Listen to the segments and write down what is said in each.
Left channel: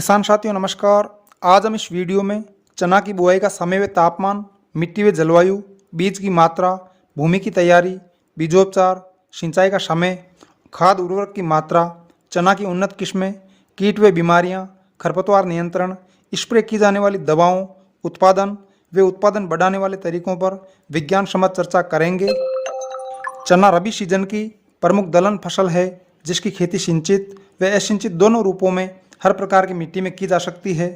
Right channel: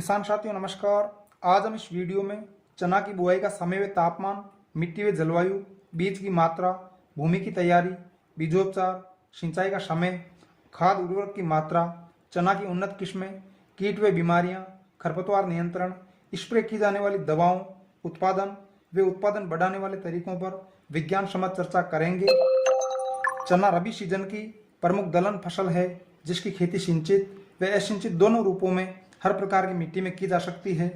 किसान साथियों नमस्कार। आज हम इस वीडियो में चना की बुआई का समय व तापमान, मिट्टी व जलवायु, बीज की मात्रा, भूमि की तैयारी, बीजोपचार, सिंचाई का समय, खाद उर्वरक की मात्रा, चना की उन्नत किस्में, कीट व बीमारियां, खरपतवार नियंत्रण, स्प्रे की जाने वाली दवाओं, उत्पादन व उत्पादन बढ़ाने वाले तरीकों पर विज्ञान सम्मत चर्चा करेंगे। चना रबी सीजन की प्रमुख दलहन फसल है जिसकी खेती सिंचित व असिंचित दोनों रूपों में हर प्रकार की मिट्टी में की जा सकती है।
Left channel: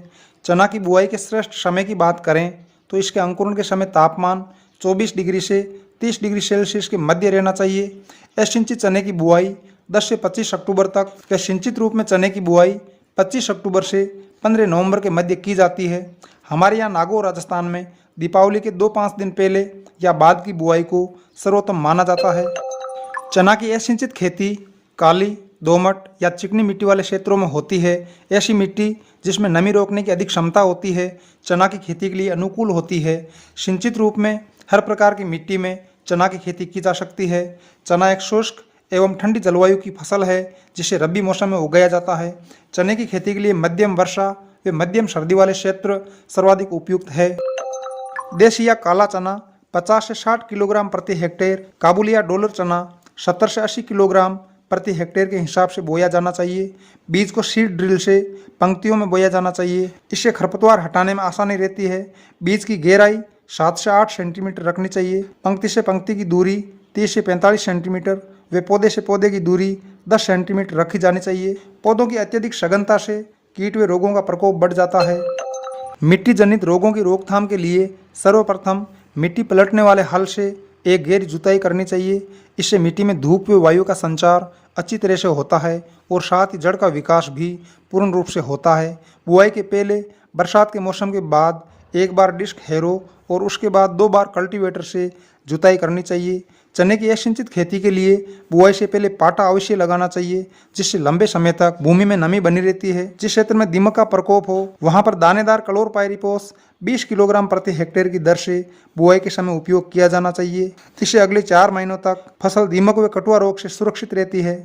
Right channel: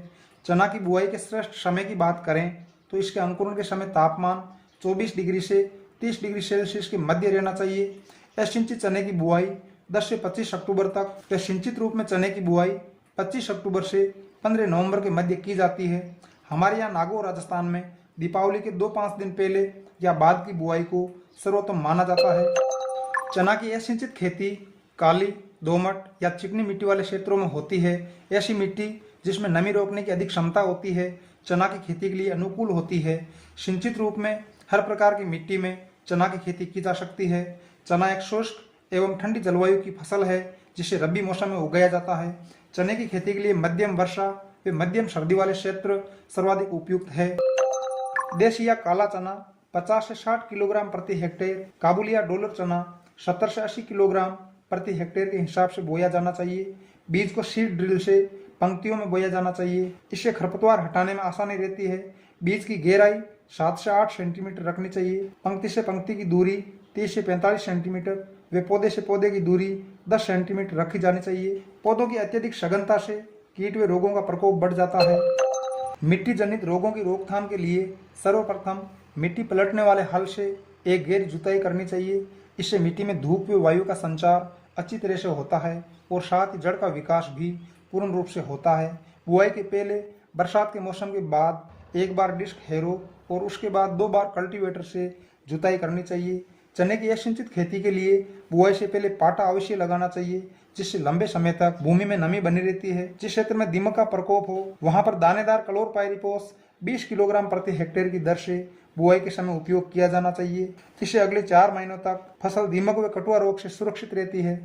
चना की बुआई के श्रेष्ठ समय की बात करें तो इसके अंकुरण के समय तापमान 24 डिग्री से 30 डिग्री सेल्सियस के मध्य रहना चाहिए। असिंचित चने की बुआई 10 से 25 अक्टूबर तक व सिंचित रूप में चने की बुआई 25 अक्टूबर से 15 नवंबर के मध्य की जाती है। हमारे यहाँ नागौर राजस्थान में दीपावली के 2-5 दिन पहले या बाद की बुआई को सर्वोत्तम माना जाता है। चना की असिंचित खेती काली, दोमट या चिकनी मिट्टी वाले क्षेत्रों में होती है। ऐसी मिट्टी जिसमें नमी रोकने की अधिक क्षमता होती है चना की खेती के लिए अनुकूल होती है। सिंचित रूप में हर प्रकार की मिट्टी में चना की खेती की जा सकती है। चना एक शुष्क एवं ठंडी जलवायु की फसल है जिसे रबी मौसम में उगाया जाता है। चने की खेती के लिए मध्यम वर्षा व मध्यम सर्दी वाले क्षेत्र सर्वाधिक उपयुक्त है। देशी या काला चना 50 से 60 किलोग्राम प्रति हेक्टेयर, काबुली या डॉलर चना 70 से 80 किलोग्राम प्रति हेक्टेयर के हिसाब से बोया जाना चाहिए। बीज को सीड ड्रिल से पंक्तियों में बोया जाना चाहिए। इससे खरपतवार हटाने में आसानी रहती है। बीज की गहराई 7 से 8 सेंटीमीटर रखनी चाहिए। पंक्ति से पंक्ति की दूरी 30 से 45 सेंटीमीटर व पौधे से पौधे की दूरी 10 सेंटीमीटर रखी जानी चाहिए। पौधों की अत्यधिक सघनता से कीट व रोगों का प्रकोप बढ़ जाता है। मिट्टी जनित रोगों की रोकथाम के लिए सर्वप्रथम मिट्टी पलटने वाले हल से एक गहरी जुताई करनी चाहिए। इससे मिट्टी में धूप व वायु का संचार अच्छी तरह से होता है और साथ ही जड़ का विकास भी पूर्ण रूप से होता है। बुआई के पहले बरसात के मौसम के बाद एक बार डिस्क हैरो और उसके बाद 2 बार कल्टीवेटर से जुताई करनी चाहिए। चने की असिंचित खेती के लिए बुआई से पहले पाटा अवश्य लगाना चाहिए जिससे लंबे समय तक भूमि में नमी बनी रहती है। जिस क्षेत्र में दीमक का प्रकोप हो वहां पर दानेदार क्लोरपाइरिफॉस 20 किलोग्राम प्रति हेक्टेयर की दर से बुआई के समय उपयोग किया जाना चाहिए। इससे अगले 4 महीनों तक फसल दीमक व कटुआ रोग से सुरक्षित रहती है।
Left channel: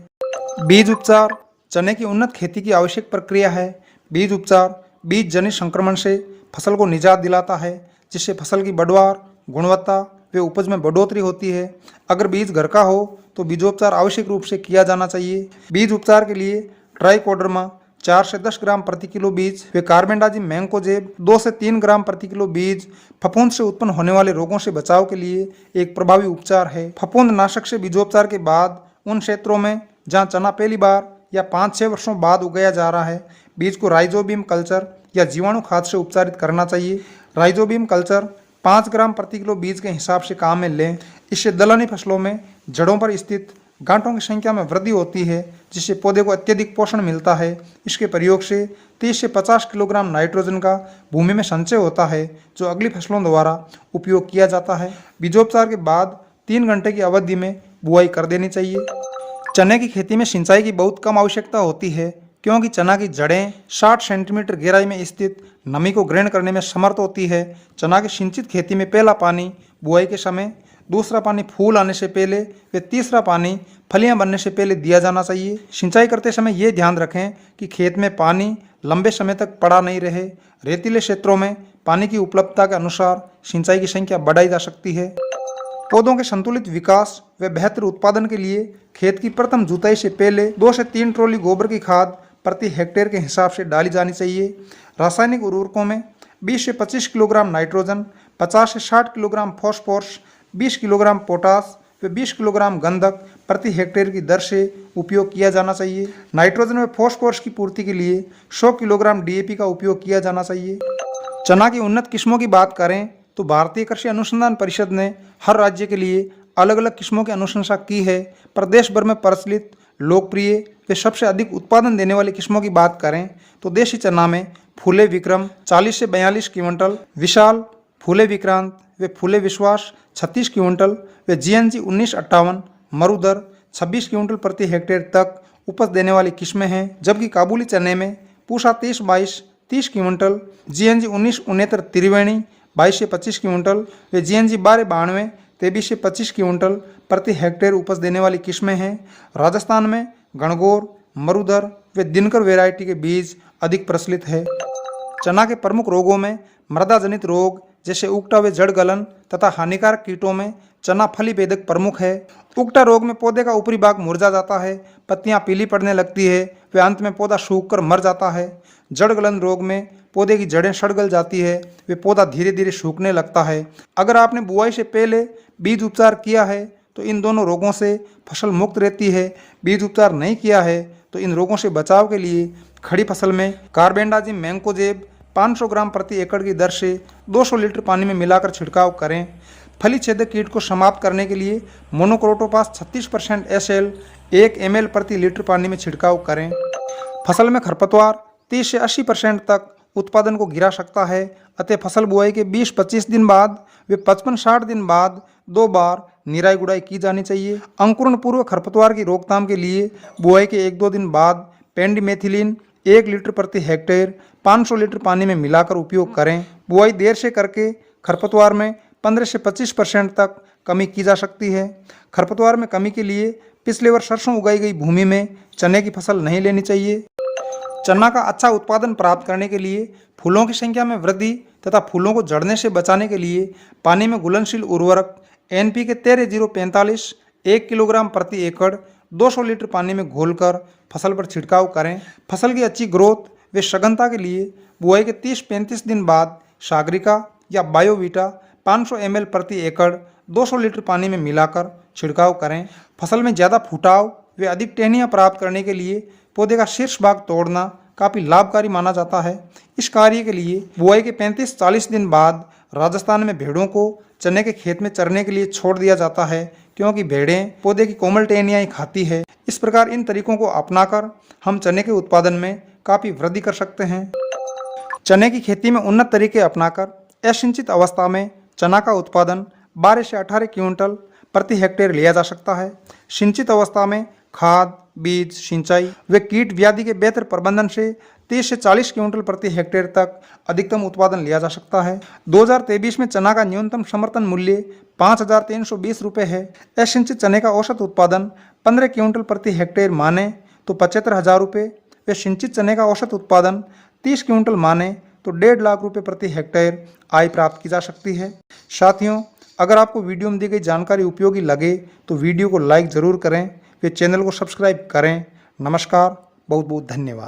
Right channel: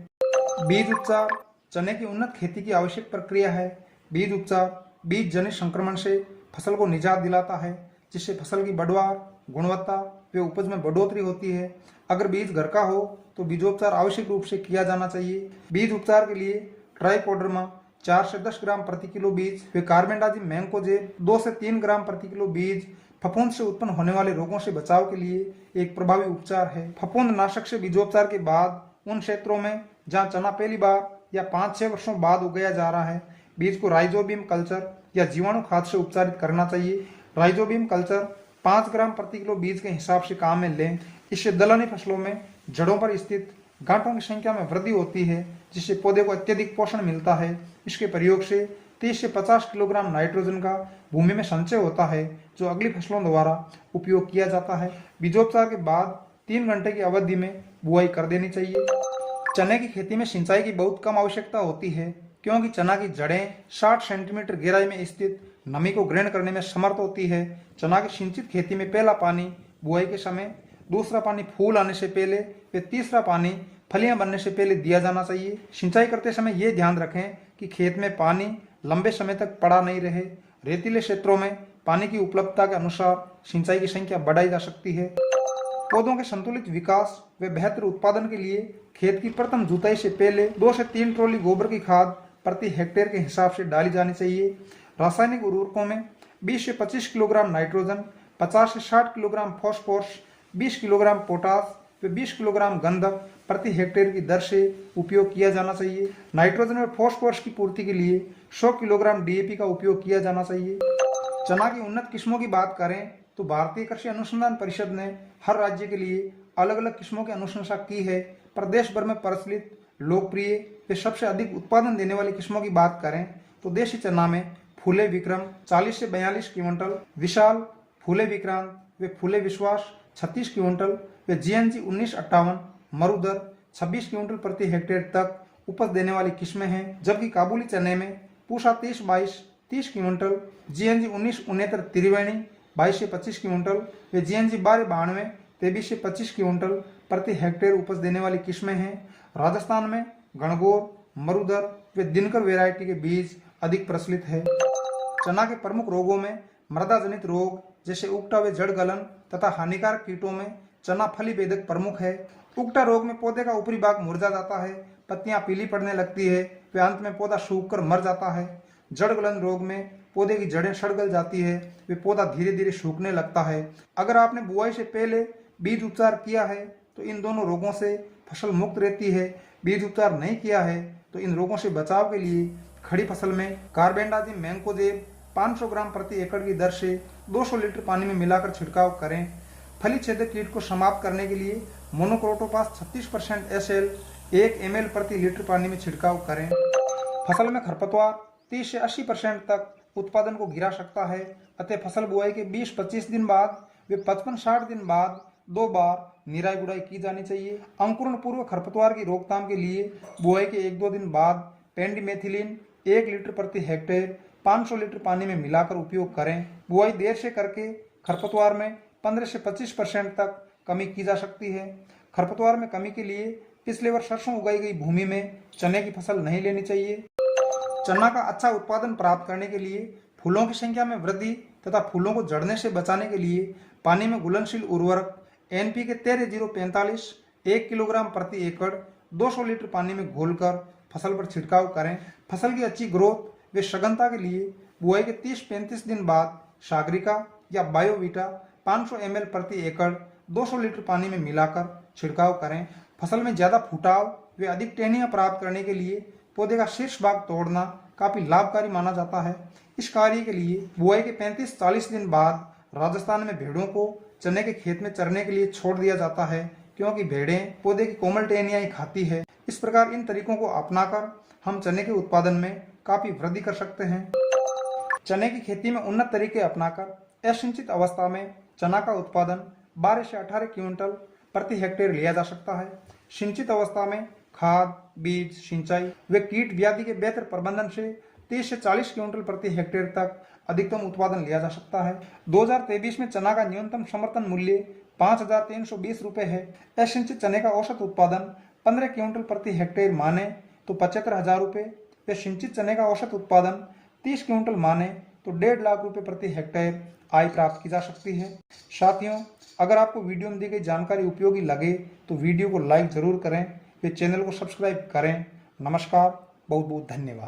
बीज उपचार चने की उन्नत खेती की आवश्यक प्रक्रिया है। बीज उपचार बीज जनित संक्रमण से फसल को निजात दिलाता है जिससे फसल की बढ़वार, गुणवत्ता व उपज में बढ़ोतरी होती है। अगर बीज घर का हो तो बीजोपचार आवश्यक रूप से किया जाना चाहिए। बीज उपचार के लिए ट्राइकोडर्मा 4 से 10 ग्राम प्रति किलो बीज व कार्बेंडाजिम मैंकोजेब 2 से 3 ग्राम प्रति किलो बीज फफूंद से उत्पन्न होने वाले रोगों से बचाव के लिए एक प्रभावी उपचार है। फफूंद नाशक से बीजोपचार के बाद उन क्षेत्रों में जहां चना पहली बार या 5-6 वर्षों बाद उगाया जा रहा है बीज को राइजोबियम कल्चर या जीवाणु खाद से उपचारित करना चाहिए। राइजोबियम कल्चर 5 ग्राम प्रति किलो बीज के हिसाब से काम में लें। इससे दलहनी फसलों में जड़ों पर स्थित गांठों की संख्या में वृद्धि होती है जिससे पौधे को अत्यधिक पोषण मिलता है। इसके प्रयोग से 30 से 50 किलोग्राम नाइट्रोजन का भूमि में संचय होता है जो अगली फसलों द्वारा उपयोग किया जाता है। बीजोपचार के बाद 3 घंटे की अवधि में बुआई कर देनी चाहिए। चने की खेती में सिंचाई की बहुत कम आवश्यकता होती है क्योंकि चना की जड़ें 60 सेंटीमीटर गहराई में स्थित नमी को ग्रहण करने में समर्थ होती है। चना की सिंचित खेती में पहला पानी बुआई के समय, दूसरा पानी फूल आने से पहले व तीसरा पानी फलियां बनने से पहले दिया जाना चाहिए। सिंचाई करते समय ये ध्यान रखें कि खेत में पानी लंबे समय तक पड़ा नहीं रहे। रेतीले क्षेत्रों में पानी की उपलब्धता के अनुसार सिंचाई की संख्या बढ़ाई जा सकती है। पौधों के संतुलित विकास व बेहतर उत्पादन के लिए खेत की प्रथम जुताई से पहले 2 से 3 ट्रॉली गोबर की खाद प्रति हेक्टेयर के हिसाब से डाली जानी चाहिए। रासायनिक उर्वरकों में 20 से 25 किलोग्राम नाइट्रोजन, 50 से 60 किलोग्राम फॉस्फोरस, 20 किलोग्राम पोटास व 20 किलोग्राम गंधक प्रति हेक्टेयर की दर से उपयोग किया जाना चाहिए। नाइट्रोजन व फॉस्फोरस की पूर्ति के लिए 100 किलोग्राम डीएपी का उपयोग किया जाना चाहिए। चना की उन्नत किस्मों की बात करें तो भारतीय कृषि अनुसंधान परिषद ने हर राज्य के लिए अलग अलग किस्मों की अनुशंसा की है। प्रदेश भर में प्रचलित, लोकप्रिय व सबसे अधिक उत्पादन देने वाली किस्मों की बात करें तो देशी चना में फूले विक्रम 40 से 42 क्विंटल, विशाल, फूले विक्रांत व फूले विश्वास 36 क्विंटल व जीएनजी 1958, मरुदर 26 क्विंटल प्रति हेक्टेयर तक उपज देने वाली किस्में हैं। जबकि काबुली चने में पूषा 23-22 30 क्विंटल, जीएनजी 1969 त्रिवेणी 22 से 25 क्विंटल व जीएनजी 1292 23 से 25 क्विंटल प्रति हेक्टेयर उपज देने वाली किस्में हैं। राजस्थान में गणगौर, मरुदर व दिनकर वैरायटी के बीज अधिक प्रचलित है। चना के प्रमुख रोगों में मृदा जनित रोग जैसे उगटा व जड़ गलन तथा हानिकारक कीटों में चना फली भेदक प्रमुख है। उगटा रोग में पौधे का ऊपरी भाग मुरझा जाता है, पत्तियां पीली पड़ने लगती है व अंत में पौधा सूखकर मर जाता है। जड़ गलन रोग में पौधे की जड़ें सड़ गल जाती है व पौधा धीरे धीरे सूखने लगता है। अगर आपने बुआई से पहले बीज उपचार किया है तो इन दोनों रोगों से फसल मुक्त रहती है। बीज उपचार नहीं किया है तो इन रोगों से बचाव के लिए खड़ी फसल में कार्बेंडाजिम मैंकोजेब 500 ग्राम प्रति एकड़ की दर से 200 लीटर पानी में मिलाकर छिड़काव करें। फली छेदक कीट को समाप्त करने के लिए मोनोक्रोटोपास 36% SL 1 ml प्रति लीटर पानी में छिड़काव करें। फसल में खरपतवार 30 से 80% तक उत्पादन को गिरा सकता है, अतः फसल बुआई के 20-25 दिन बाद व 55-60 दिन बाद 2 बार निराई गुड़ाई की जानी चाहिए। अंकुरण पूर्व खरपतवार की रोकथाम के लिए बुआई के 1-2 दिन बाद पेंडिमेथिलिन 1 लीटर प्रति हेक्टेयर 500 लीटर पानी में मिलाकर उपयोग करें। बुआई देर से करके खरपतवार में 15 से 25% तक कमी की जा सकती है। खरपतवार में कमी के लिए पिछले वर्ष सरसों उगाई गई भूमि में चने की फसल नहीं लेनी चाहिए। चना का अच्छा उत्पादन प्राप्त करने के लिए फूलों की संख्या में वृद्धि तथा फूलों को झड़ने से बचाने के लिए पानी में घुलनशील उर्वरक NPK 13-045 1 किलोग्राम प्रति एकड़ 200 लीटर पानी में घोलकर फसल पर छिड़काव करें। फसल की अच्छी ग्रोथ व सघनता के लिए बुआई के 30-35 दिन बाद सागरिका या बायोवीटा 500 ml प्रति एकड़ 200 लीटर पानी में मिलाकर छिड़काव करें। फसल में ज़्यादा फुटाव व अधिक टहनियाँ प्राप्त करने के लिए पौधे का शीर्ष भाग तोड़ना काफ़ी लाभकारी माना जाता है। इस कार्य के लिए बुआई के 35-40 दिन बाद राजस्थान में भेड़ों को चने के खेत में चरने के लिए छोड़ दिया जाता है, क्योंकि भेड़ें पौधे की कोमल टहनियाँ ही खाती है। इस प्रकार इन तरीकों को अपनाकर हम चने के उत्पादन में काफ़ी वृद्धि कर सकते हैं। चने की खेती में उन्नत तरीके अपनाकर असिंचित अवस्था में चना का उत्पादन 12 से 18 क्विंटल प्रति हेक्टेयर लिया जा सकता है। सिंचित अवस्था में खाद, बीज, सिंचाई व कीट व्याधि के बेहतर प्रबंधन से 30 से 40 क्विंटल प्रति हेक्टेयर तक अधिकतम उत्पादन लिया जा सकता है। 2023 में चना का न्यूनतम समर्थन मूल्य 5,320 रुपये है। असिंचित चने का औसत उत्पादन 15 क्विंटल प्रति हेक्टेयर माने तो 75,000 रुपये व सिंचित चने का औसत उत्पादन 30 क्विंटल माने तो 1.5 लाख रुपये प्रति हेक्टेयर आय प्राप्त की जा सकती है। साथियों, अगर आपको वीडियो में दी गई जानकारी उपयोगी लगे तो वीडियो को लाइक ज़रूर करें व चैनल को सब्सक्राइब करें। नमस्कार, बहुत बहुत धन्यवाद।